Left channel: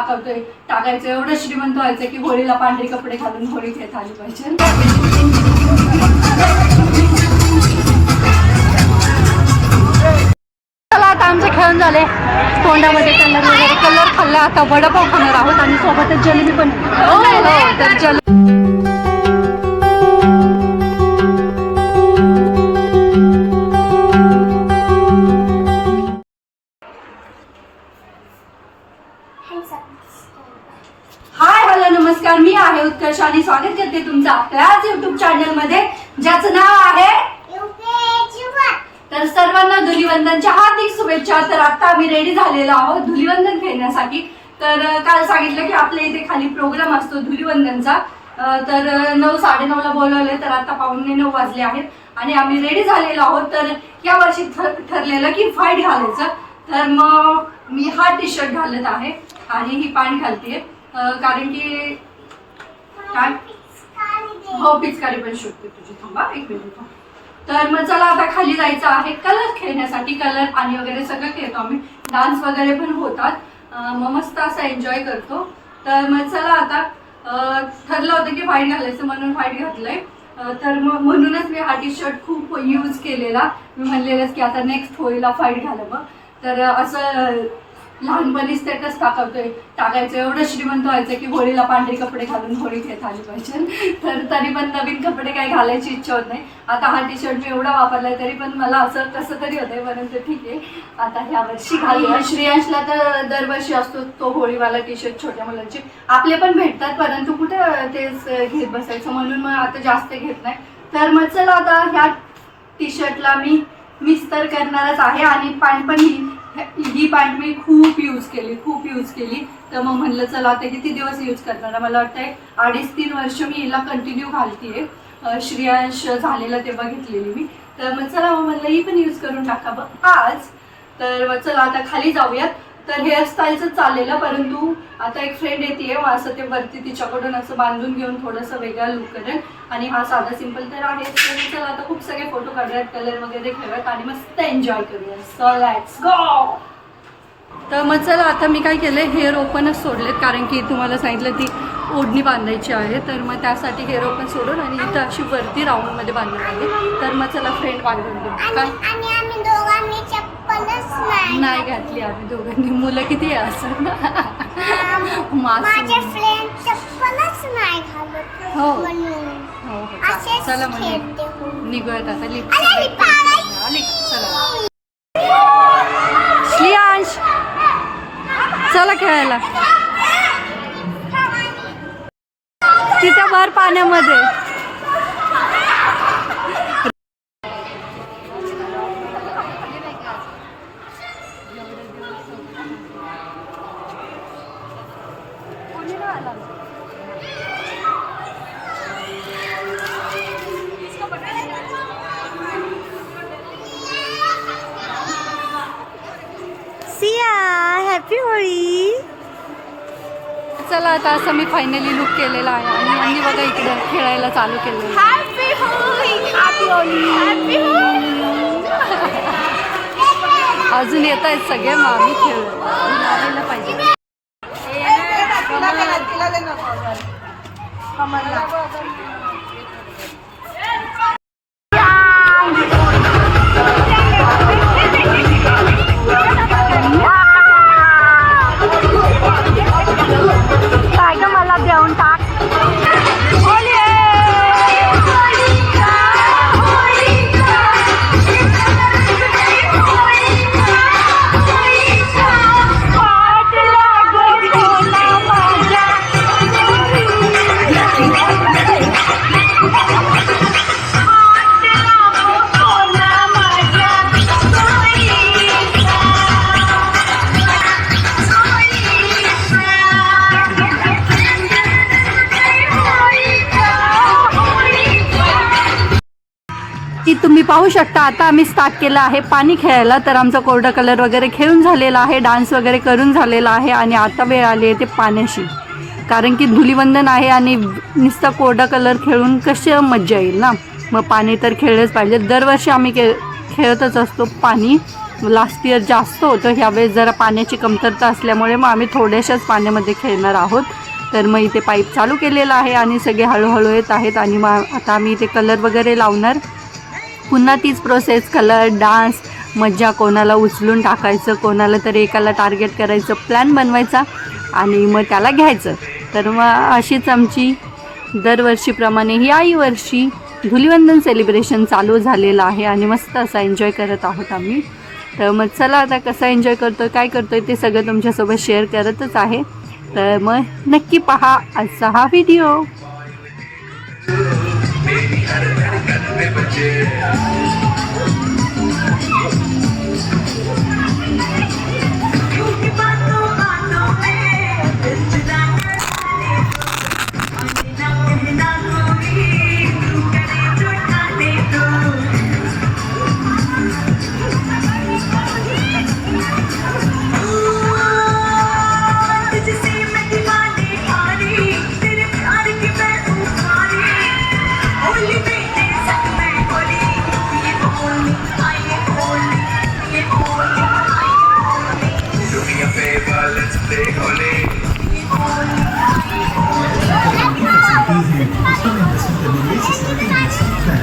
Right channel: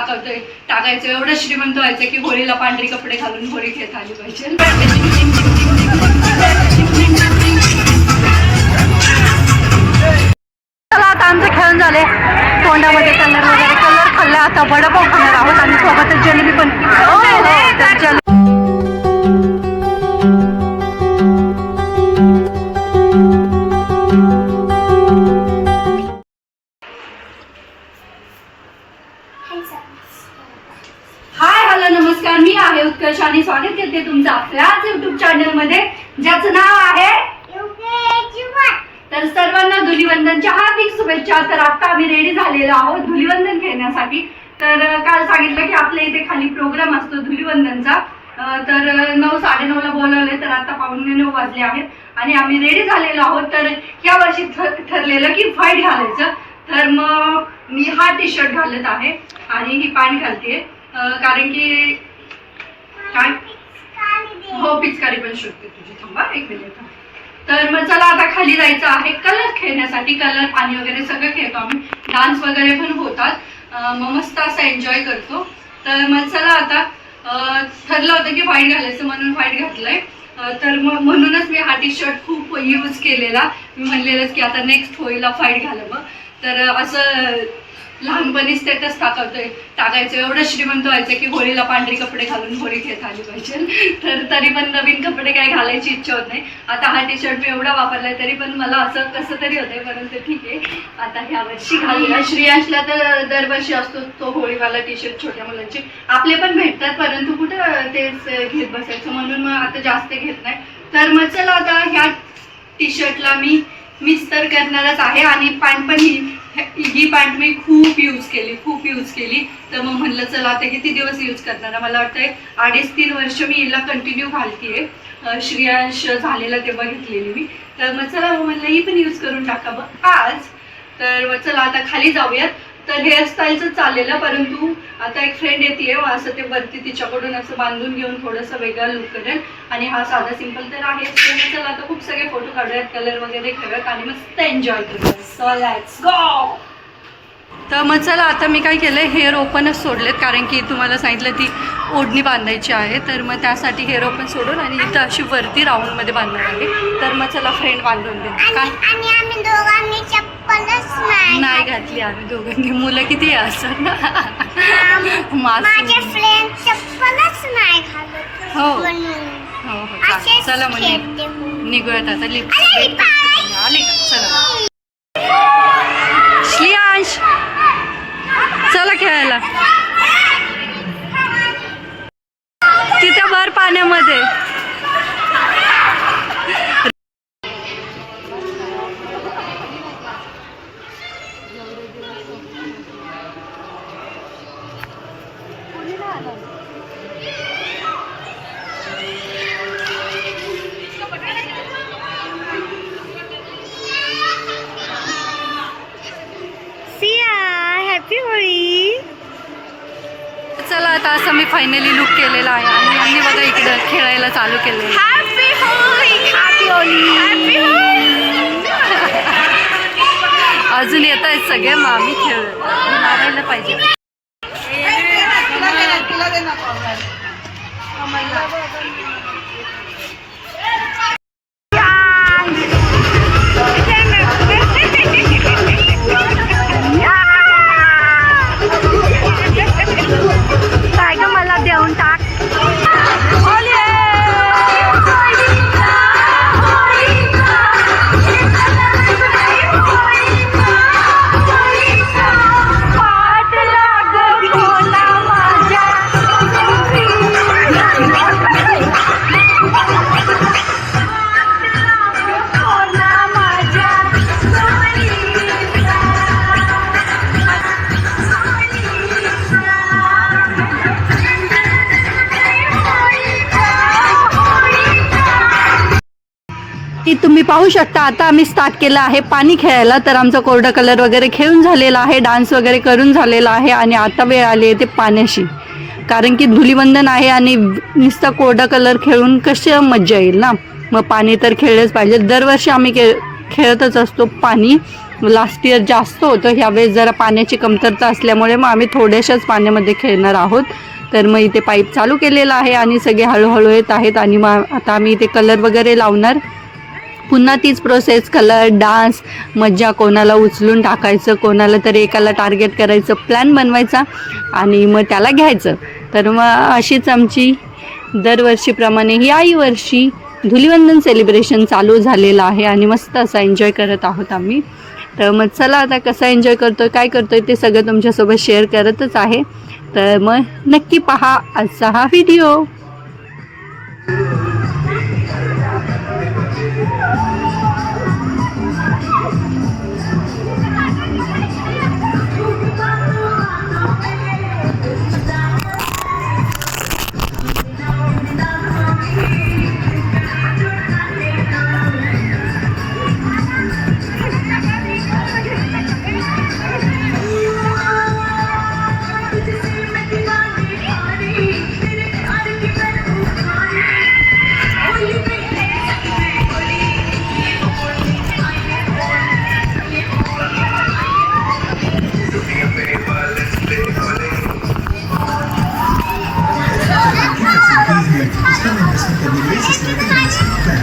टाकतोय टाकायचं एवढं श्रीमंत व्हायचं की होळीला पांढरी कपडे घालून होळी खेळत आली पाहिजे. चला आता आमचं खेळून झाले तोंडामध्ये कलर वगैरे कलर खाल्ला आता. वडापाव खाणार आहोत आणि सोबतच जलेबी पण हो, हाय हॅलो नमस्कार. मी आहे उत्कर्ष आणि स्वागत करते तुमचं आपल्याच युट्यूब चॅनलमध्ये ज्याचं नाव आहे तर सर्वांना धुलीवंदनच्या हार्दिक शुभेच्छा. तर आता आम्ही रेडी झालेलो आहोत धुलीवंदन खेळण्यासाठी तर काल सांगितलं की आपल्या इथे खाली प्रोग्राम असतो धुलीवंदनचा. तर नऊ नऊ साडेनऊला बोलवले तर आता पावणे नऊ वाजले आहेत. आणि आम्ही रेडी झालेलो आहोत. तर या वर्षी ठरलेलं की फाईट घालायचं. तर मग मी हा टी शर्ट घालत आहे आणि ही पॅन्ट घालते कारण की काय? हो पिचकारी पण शोधते तुझी. थांबा एक मिनिट तर मग चला आता खाली जायचं आहे. कलर खेळण्यासाठी कलर पाणी वगैरे सगळं खेळतो आम्ही. डान्स वगैरे पण होतात. मग मस्त असं एन्जॉय करतो. तर मग चला आता ठरलं होतं की व्हाईट घालायचं म्हणून व्हाईट घातलंय. तर मग म्हणूनच मी हा टी शर्ट खूप यूज केलेला. मी म्हणलेलंच की आता नेक्स्ट होळीला फाईट घालावं तर असं लहानपणी स्टेटस टाकवतोय टाकायचं एवढं श्रीमंत व्हायचं की होळीला पांढरी कपडे घालून होळी घेत आली पाहिजे. तर तरी पण नवीन कपडे काही घालायची इच्छा होत नाही. आता हा टी शर्ट मी एवढा वापरलाय तरी पण मला असं कसं तरी होतंय परंतु ठीक आहे. आता ह्या वर्षी घालूया. श्रेयांशला तर दरवर्षी असतो तो होळीवाला टी शर्ट छोट्या मुलांचे. आपले पण भेटतात परंतु कुठं तेच घेत बसायचं? म्हणून मग आता जास्त घेत नाही. तर मग चला आता ह्या टी शर्टला मी मिस तर करणारच आहे. आणि पॅन्ट पण ही ही पॅन्ट मी खूप यूज केली खूप यूज केली. तर मग म्हणलं चला आता किती दिवस यूज करणार? मला वाटतंय अडीच तीन वर्ष मी हिला कंटिन्यू घालतीये. श्रेयांश झालेला तेव्हा घेतलेली मी. तर मग चला मग म्हणलं ही पण यूज करून टाकावं आज तर मग चला आता खाली जाऊयात. तर हेअरस्टाईलचं चाललेलं परंतु आता एक फ्रेंड येते असं ते वरती तिच्याकडून असं बांधून घेऊन थोडंसं वेगळा लुक करेल. आणि हा साधा सिंपल तर आहे. चला आता खूप सगळे फोटो काढूयात कलर वगैरे खेळूयात आणि मस्त एन्जॉय करूयात. सो लेट्स गो तर मग चला आता मी काय केलं हेअर ओपनच सोडलेत कारण की तुम्हाला सांगितलं ती ओढणी बांधायची आहे. तर मग त्यासाठी हेअर ओपन सोडून आणि इथं अशी वरती राऊंडमध्ये बांधणार आहे. तर मग चला फ्रेंड बांधून दे काय? नाही. घातली आम्ही दोघांनी. मुलं किती आहे असं? ना हो. हो हो. असेच चला मग. निघूयात आता. पाय- आली? चला. श्लियांश चला खेळायला. तिथं भर पाण्यामध्ये. सिया हॅपी होळी. चला आता असं मी फायनली लुक केलेला आहे आणि यांनी बघा इकडं खेळायला चालू. हॅपी होळी. अजून येत आहेत सगळे मग आम्ही खेळ. लावायला पाहिजे. काय पाहू शकता आता आम्ही स्टार्ट केलं आहे पाणी खेळायला. तर आमचा कोरडा कलर वगैरे खेळून झालेला आहे डान्स वगैरे करून झालेला आहे आणि आता वेळ आली आहे ते पाण्याशी कारण की धुलीवंदन आहे आणि नुसता कोरडा कलर खेळून कशी मज्जा येईल ना? मग पाणी तर खेळलंच पाहिजे. दरवर्षी आम्ही खेळ खेळतच असतो पाणी. लास्ट इयर जास्त होतं. ह्यावेळेस जरा पाण्याची कमतरता असल्यामुळे मग आम्ही थोड्याशाच पाण्यामध्ये खेळणार आहोत. तर मग इथे पाईप चालू केलेला आहे आणि सगळे हळूहळू येत आहेत आणि मग आता आम्ही इथे कलर वगैरे लावणार. पुन्हा तीच प्रोसेस कलर डान्स मज्जा कोणाला उचलून टाकायचं कोणाला तरी एकाला टार्गेट करायचं प्लॅन बनवायचा आणि मग त्याला घ्यायचं. तर मग अशीच आमची दरवर्षीप्रमाणे याही वर्षी धुलिवंदन सेलिब्रेशन चालू झालेलं आहे आणि मस्त असा एन्जॉय करत आहोत आम्ही. तर मग चला आता कसा एन्जॉय करतो आहे काय करतो आहे ते सगळं तुमच्यासोबत शेअर करतच आहे. तर मग नक्की पहा आजचा हा व्हिडिओ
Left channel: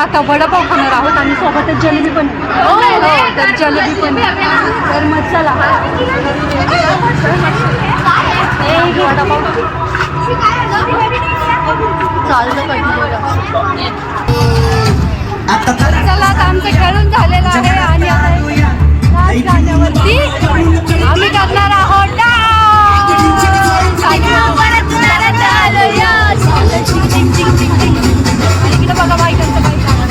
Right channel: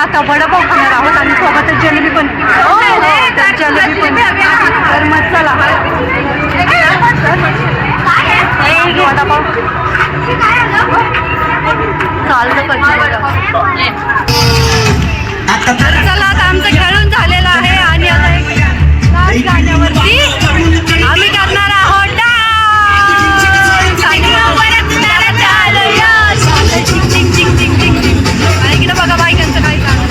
आता वडापाव खाणार आहोत. आणि सोबतच जलेबी पण. हो, तर जलेबी पण. तर मग चला. वडापाव. चालतं पाहिजे बघा तर चला आता आमचं खेळून झालेलं आहे. आणि आता एक गाण्यावरती आम्ही करणार आहोत dance. आणि मग परत परत आलो यश. चिंग, चिंग, चिंग, चिंग, चिंग, चिंग. आणि इकडे बघा बायकांचं काय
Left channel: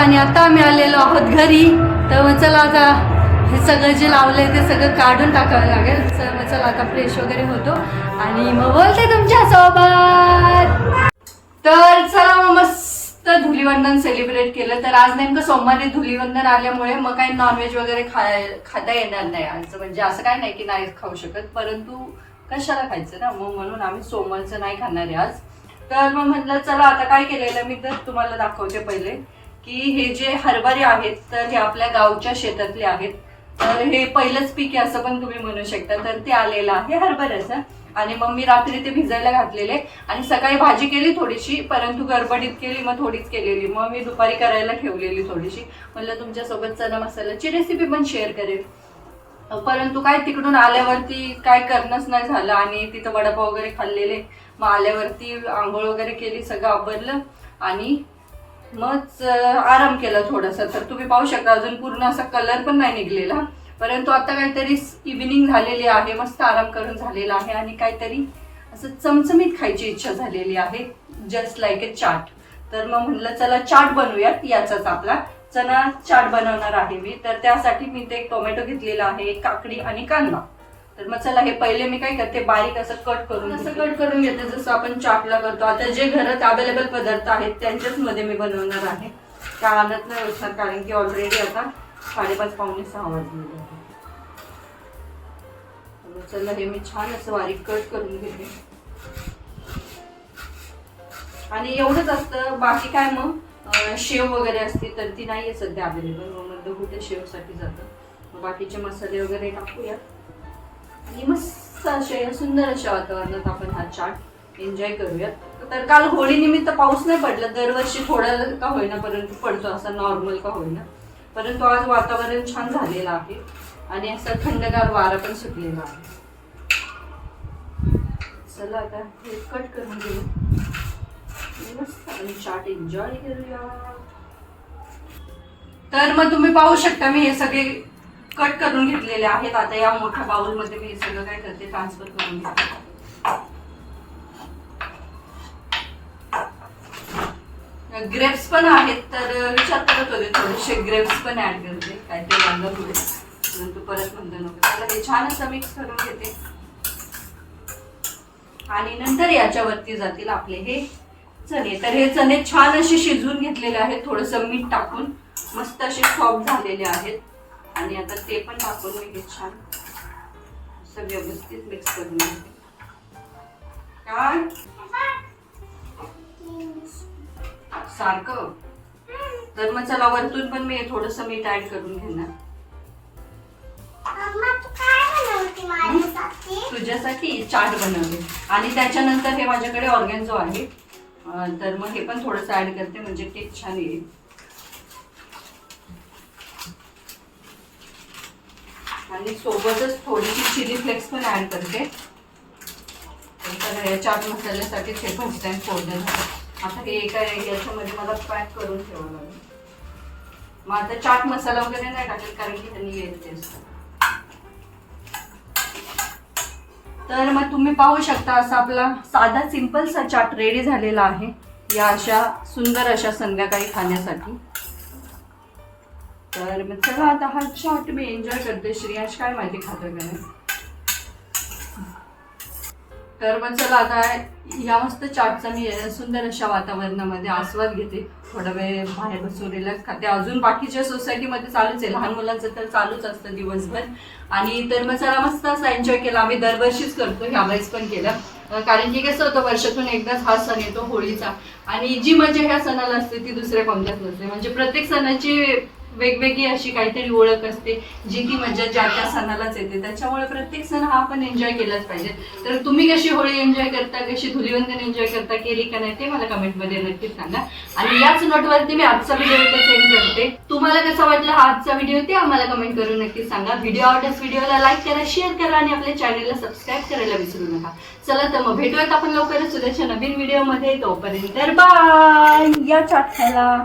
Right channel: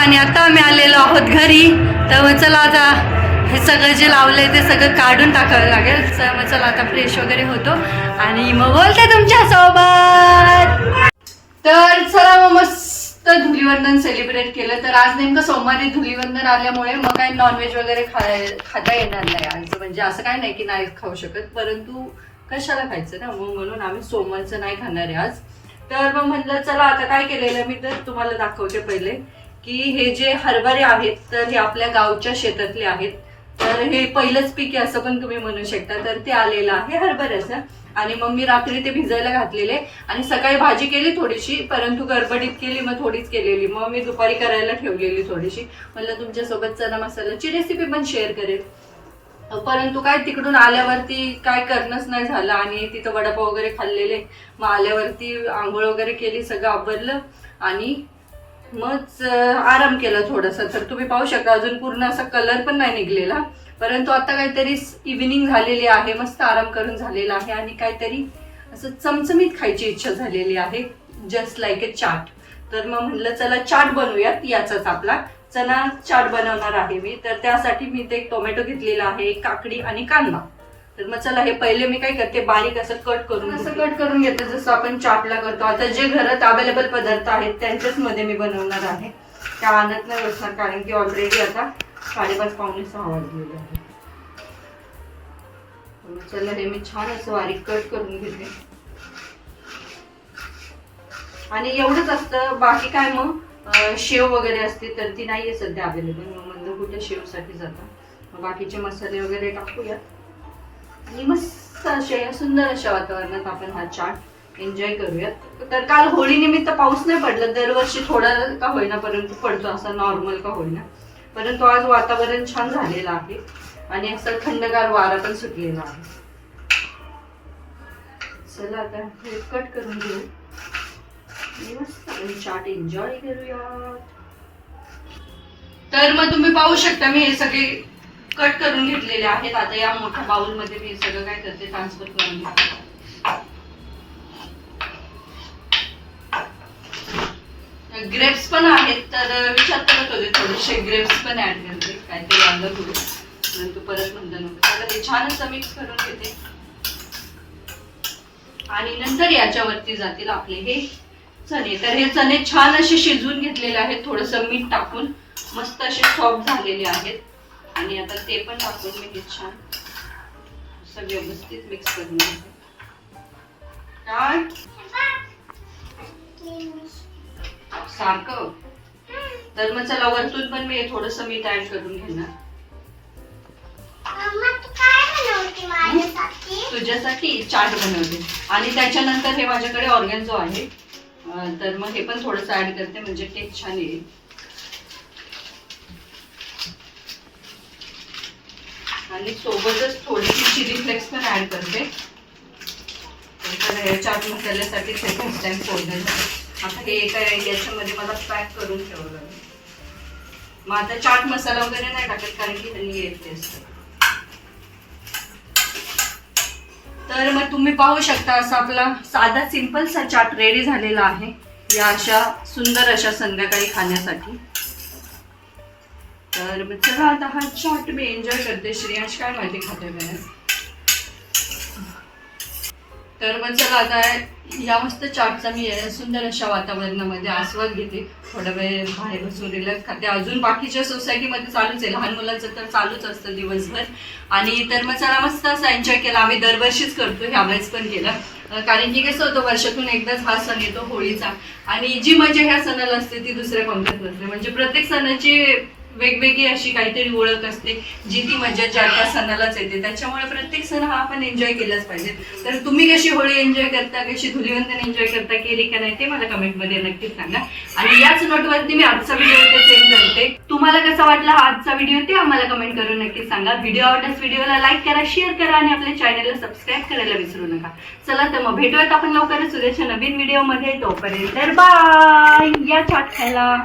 आणि आता आम्ही आलेलो आहोत घरी. तर मग चला आता हे सगळं जे लावलंय ते सगळं काढून टाकावं लागेल. तर मग चला आता फ्रेश वगैरे होतो. आणि मग बोलते तुमच्यासोबत. तर चला मग मस्त धुलीवंदन सेलिब्रेट केलं. तर आज नेमकं सोमवारी धुलीवंदन आल्यामुळे मग काही नॉनव्हेज वगैरे खाय खाता येणार नाही आज. म्हणजे असं काय नाही की नाही खाऊ शकत. परंतु कशाला खायचं ना? मग म्हणून आम्ही सोमवारचं नाही खाणार आहे आज. तर मग म्हटलं चला आता काय केलेलं? मी तर तुम्हाला दाखवते पहिले. की हे जे हरभरे आहेत तर हे आपल्या गावच्या शेतातले आहेत. तर हे पहिलंच पीक आहे असं पण तुम्ही म्हणू शकता. तर ते आलेलं आहे हरभऱ्याचं. आणि मग मी रात्री ते भिजायला घातलेले. आणि सकाळी भाजी केली थोडीशी परंतु गडबडीत केली मग थोडीच केलेली. मग मी दुपारी करायला ठेवलेली थोडीशी. म्हणलं तुमच्यासोबत चना मसाल्याची रेसिपी पण शेअर करेल परंतु काय तिकडून आल्यावरती काय करणंच नाही झालं. आणि तिथं वडापाव वगैरे खाल्लेले. मग आल्यावरती आंघोळ वगैरे केली सगळं आवरलं. आणि मग आराम केला थोडासा. तर तुम्ही पाहू शकता अजून पूर्ण असा कलर पण नाही निघलेला. परंतु आता काहीतरी इव्हिनिंग झालेली आहे मस्त आराम करून झालेला आहे आणि काहीतरी असं चमचमीत खायची इच्छा झालेली आहे जस्ट लाईक ए चाट तर मग म्हणलं चला चाट बनवूयात याचाच आपला. चना चाट बनवणार आहे मी. तर त्यासाठी मी ते एक टोमॅटो घेतलेला आहे एक काकडी आणि कांदा. तर मग चला हे पहिले मी काय करते बारीक असं कट करून असं कट करून घेते जसं आपण चाटला करतो. आता जे घरात अवेलेबल पदार्थ आहेत त्यांच्याच मध्ये मी बनवणार आहे. त्या आणत नाही बसणार कारण की ऑलरेडी आता साडेपाच पावणे सहा वाजलेले आहे मग चला हे मी छान असं बारीक कट करून घेते. आणि एवढंच असतं बाकी काय मग? शेव वगैरे असते तर ती नाही आहे सध्या अवेलेबल मग म्हणलं कुठे शेवसाठी जातं. मग बाकीचे मसाले वगैरे टाकूयात. आणि मस्त असे सुंदर अशा वातावरणात आपण हा चाट एन्जॉय करूयात तर काल होळीनिमित्त पाऊस नाही पडला दरवर्षी थोडा का होईना परंतु पडतो असा नॉर्मल का होईना. परंतु आज वातावरण छान झालेलं आहे आणि असं थंडगार वारा पण सुटलेला आहे. चला आता हे कट करून घेऊ. आणि मस्त चाट एन्जॉय करूया. तर मग तुम्ही पाहू शकता मी हे सगळे कट करून घेतलेले आहेत. आता या मोठ्या बाउलमध्ये मी सगळं काय करते ट्रान्सफर करून घेते. ग्रेप्स पण आहेत तर विचार करत होते थोडेसे. ग्रेप्स पण ऍड करते. काहीतरी वांगत होते परंतु परत म्हणता नको. त्याला हे छान असं मिक्स करून घेते. आणि नंतर याच्यावरती जातील आपले हे चणे. तर हे चणे छान असे शिजवून घेतलेले आहेत. थोडस मीठ टाकून. मस्त असे सॉफ्ट झालेले आहेत. आणि आता ते पण टाकून मी हे छान. असं व्यवस्थित मिक्स करून घेते काय? सारखं? तर मग चला वरतून पण मी थोडस मीठ ऍड करून घेणार. तुझ्यासाठी चाट बनवले आणि त्याच्यानंतर हे माझ्याकडे ऑर्गॅन्झो आहे. तर मग हे पण थोडंसं ऍड करते म्हणजे केक छान येईल. आणि सोबतच थोडीशी चिली फ्लेक्स पण ऍड करते. तर हे चाट मसाल्यासाठी हे फर्स्ट टाइम फोडलं आता हे एका याच्यामध्ये मला पॅक करून ठेवावं लागेल मग आता चाट मसाला वगैरे नाही टाकत कारण की ह्यांनी येते तर मग तुम्ही पाहू शकता असा आपला साधा सिंपलसा चाट रेडी झालेला आहे. या अशा सुंदर अशा संध्याकाळी खाण्यासाठी. तर मग चला आता हा चाट मी एन्जॉय करते. श्रेयाश काय माहिती खाते मी? तर मग चला आता या मस्त चाटचा मी सुंदर अशा वातावरणामध्ये आस्वाद घेते. थोडा वेळ बाहेर बसून रिलॅक्स खाते अजून बाकीच्या सोसायटीमध्ये चालूच आहे. लहान मुलांचं तर चालूच असतं दिवसभर. आणि तर मग चला मस्त असा एन्जॉय केला. आम्ही दरवर्षीच करतो ह्या वेळेस पण केलं. कारण की कसं होतं वर्षातून एकदाच हा सण येतो होळीचा. आणि जी मजा ह्या सणाला असते ती दुसऱ्या कोणत्याच नसते. म्हणजे प्रत्येक सणाची वेगवेगळी अशी काहीतरी ओळख असते जी ती मजा ज्या त्या सणालाच येते. त्याच्यामुळे प्रत्येक सण हा आपण एन्जॉय केलाच पाहिजे. तर तुम्ही कशी होळी एन्जॉय करता कशी धुलीवंदन एन्जॉय करता केली का नाही ते मला कमेंटमध्ये नक्कीच सांगा. आणि याच नोटवरती मी आजचा व्हिडिओ इथे सेंड करते. तुम्हाला कसा वाटला हा आजचा व्हिडिओ ते आम्हाला कमेंट करून नक्कीच सांगा. व्हिडिओ आवडल्यास व्हिडिओला लाईक करा शेअर करा आणि आपल्या चॅनलला सबस्क्राईब करायला विसरू नका. चला तर मग भेटूयात आपण लवकरच उद्याच्या नवीन व्हिडिओमध्ये तोपर्यंत बाय या चाट खायला